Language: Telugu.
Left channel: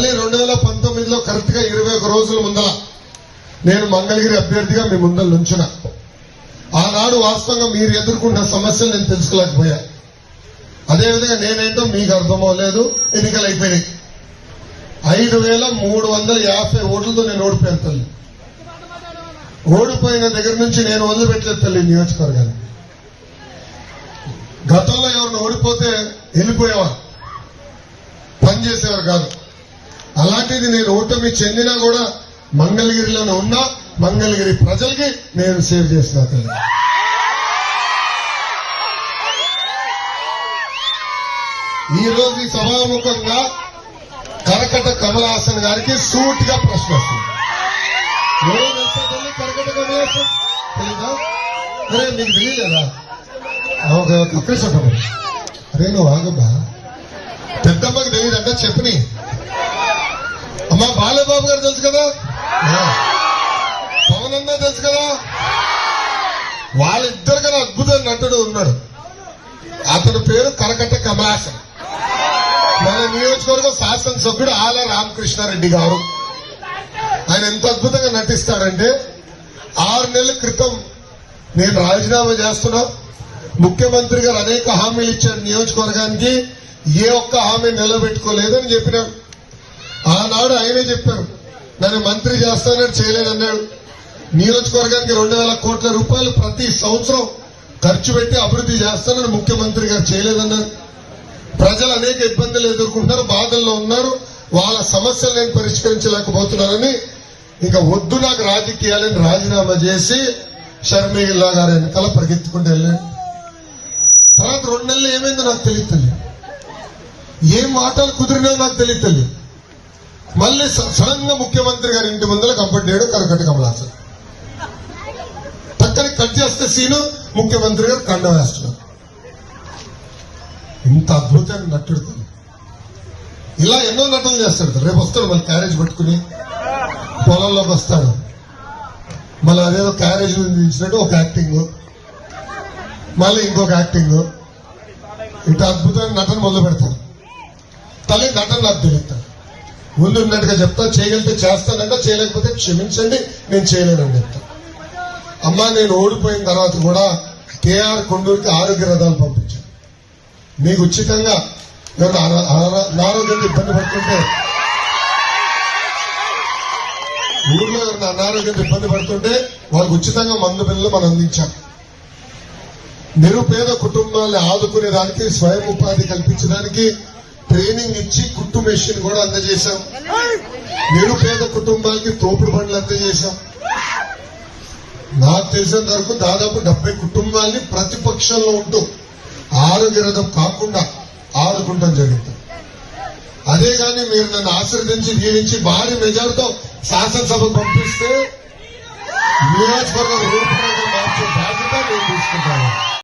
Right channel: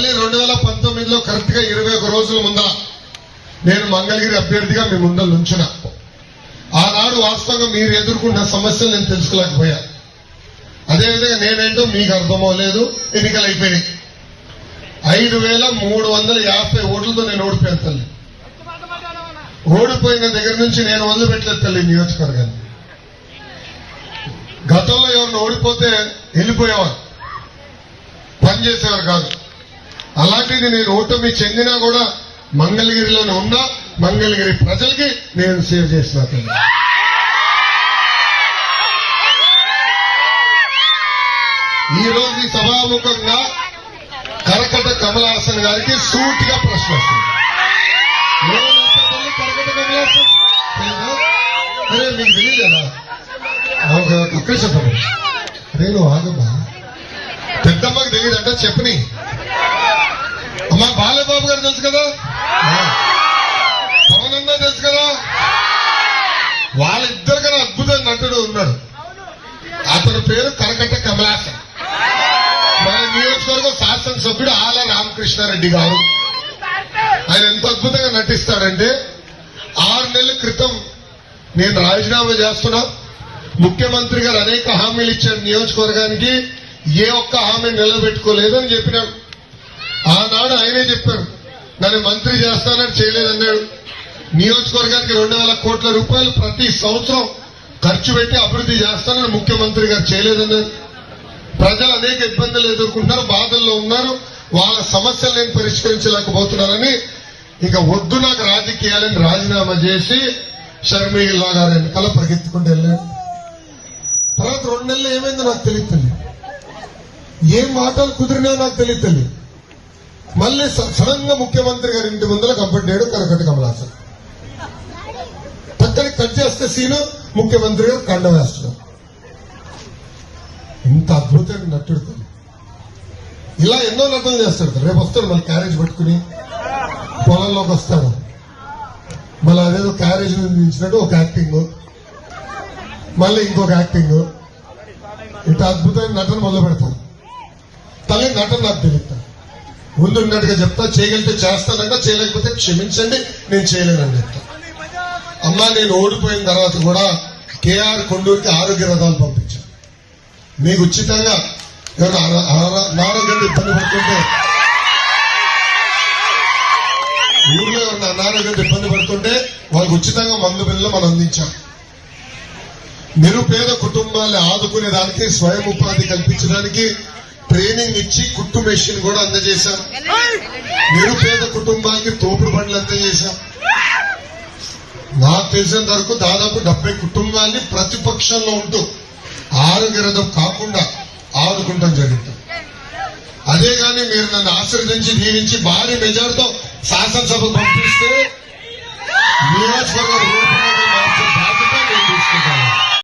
మళ్ళీ రెండు వేల పంతొమ్మిదిలో కరెక్ట్గా ఇరవై ఒక రోజుల ముందర నేను మంగళగిరి అభ్యర్థిగా మీ ముందర నుంచున్నా. ఆనాడు వాస్తవంగా మీరు ఎదుర్కొన్న సమస్యలు నేను తెలుసుకోలేకపోయా. అదేవిధంగా నేనేంటో మీకు అర్థమవలేదు ఎన్నికలు అయిపోయినాయి. ఐదు వేల మూడు వందల యాభై ఓట్లతో నేను ఓడిపోయాను తల్లి. ఓడిపోయిన దగ్గర నుంచి నేను వదిలిపెట్టలేదు తల్లి నియోజకవర్గాన్ని. గతంలో ఎవరిని ఓడిపోతే వెళ్ళిపోయేవారు. పనిచేసేవారు కాదు. అలాంటిది నేను ఓటమి చెందినా కూడా మంగళగిరిలోనే ఉన్నా మంగళగిరి ప్రజలకి నేను సేవ్ చేసిన తల్లి. ఈ రోజు సభాముఖంగా కరకట కమలాసన్ గారికి సూటిగా ప్రశ్న వస్తుంది. కరకట కమలాసన్? తెలీదా? అరే మీకు తెలియలేదా ఒక ఒక్క చెప్పండి అరే నువ్వు ఆగబ్బా పెద్దమ్మకి తెలియదంట చెప్పని. అమ్మా బాలబాబు గారు తెలుసు కదా? పవన్ అన్న తెలుసు కదా? వాళ్ళిద్దరు కన్నా అద్భుత నటుడు ఉన్నాడు అతని పేరు కరకట్ట కమలాసన్. మన నియోజకవర్గ శాసనసభ్యుడు ఆల రామకృష్ణారెడ్డి గారు. ఆయన ఎంత అద్భుతంగా నటిస్తాడంటే ఆరు నెలల క్రితం నేను రాజీనామా చేస్తున్నా. ముఖ్యమంత్రి గారు అనేక హామీలు ఇచ్చాడు నియోజకవర్గానికి. ఏ ఒక్క హామీ నిలబెట్టుకోలేదని చెప్పినాడు. ఆనాడు ఆయనే చెప్పారు నన్ను మంత్రి చేస్తానని చేయలేదన్నాడు. నియోజకవర్గానికి రెండు వేల కోట్ల రూపాయలు ప్రతి సంవత్సరం ఖర్చు పెట్టి అభివృద్ధి చేస్తానని ముఖ్యమంత్రి గారు చేయలేదన్నారు ప్రజలు అనేక ఇబ్బందులు ఎదుర్కొంటున్నారు బాధల్లో ఉన్నారు. వాళ్ళ సమస్యలు నేను పరిష్కరించలేకపోతున్నారని ఇక వద్దు నాకు రాజకీయాలని రాజీనామా చేసి షర్మిలా గారి వెనకాల పరిగెత్తుకుంటూ వెళ్ళాను తర్వాత రెండు నెలలు ఏమైందో నాకు తెలియదు ఏం మాటలు కుదిరినా నాకు తెలియదు మళ్ళీ సడన్గా ముఖ్యమంత్రి గారి ఇంటి ముందర కంపెట్టాడు చేయడం కనకటి కమలాసన్. పక్కన కట్ చేస్తే సీను ముఖ్యమంత్రి గారు కండ వేస్తున్నారు. ఇంత అద్భుతంగా నటుడు ఇలా ఎన్నో నటనలు చేస్తారు. రేపు వస్తాడు మన క్యారేజ్ పట్టుకుని. పొలంలోకి వస్తారు. మళ్ళీ అదేదో క్యారేజ్ నిలిచినట్టు ఒక యాక్టింగ్. మళ్ళీ ఇంకొక యాక్టింగ్. ఇంత అద్భుతమైన నటన మొదలు పెడతాను తల్లి నటన నాకు తెలుస్తాను ముందున్నట్టుగా చెప్తా చేయగలిగితే చేస్తానంట చేయలేకపోతే క్షమించండి నేను చేయలేనని చెప్తా. అమ్మా నేను ఓడిపోయిన తర్వాత కూడా కేఆర్ కొండూరికి ఆరోగ్య రథాలు పంపించాను. మీకు ఉచితంగా ఎవరు అనారోగ్యంతో ఇబ్బంది పడుతుంటే ఊర్లో ఎవరైనా అనారోగ్యంతో ఇబ్బంది పడుతుంటే వాళ్ళకి ఉచితంగా మందు బిల్లు మనం అందించాం. నిరుపేద కుటుంబాన్ని ఆదుకునే దానికి స్వయం ఉపాధి కల్పించడానికి ట్రైనింగ్ ఇచ్చి కుట్టు మెషిన్ కూడా అందజేశాం. నిరుపేద కుటుంబానికి తోపుడు బండ్లు అందజేశాం. నాకు తెలిసినంత వరకు దాదాపు డెబ్బై కుటుంబాల్ని ప్రతిపక్షంలో ఉంటూ ఆరోగ్య రథం కాకుండా ఆదుకుంటాం జరుగుతుంది. అదే కానీ మీరు నన్ను ఆశీర్వదించి దీవించి భారీ మెజార్టీతో శాసనసభ పంపిస్తే నియోజకవర్గ రూపంలో మార్చే బాధ్యత నేను తీసుకుంటాను.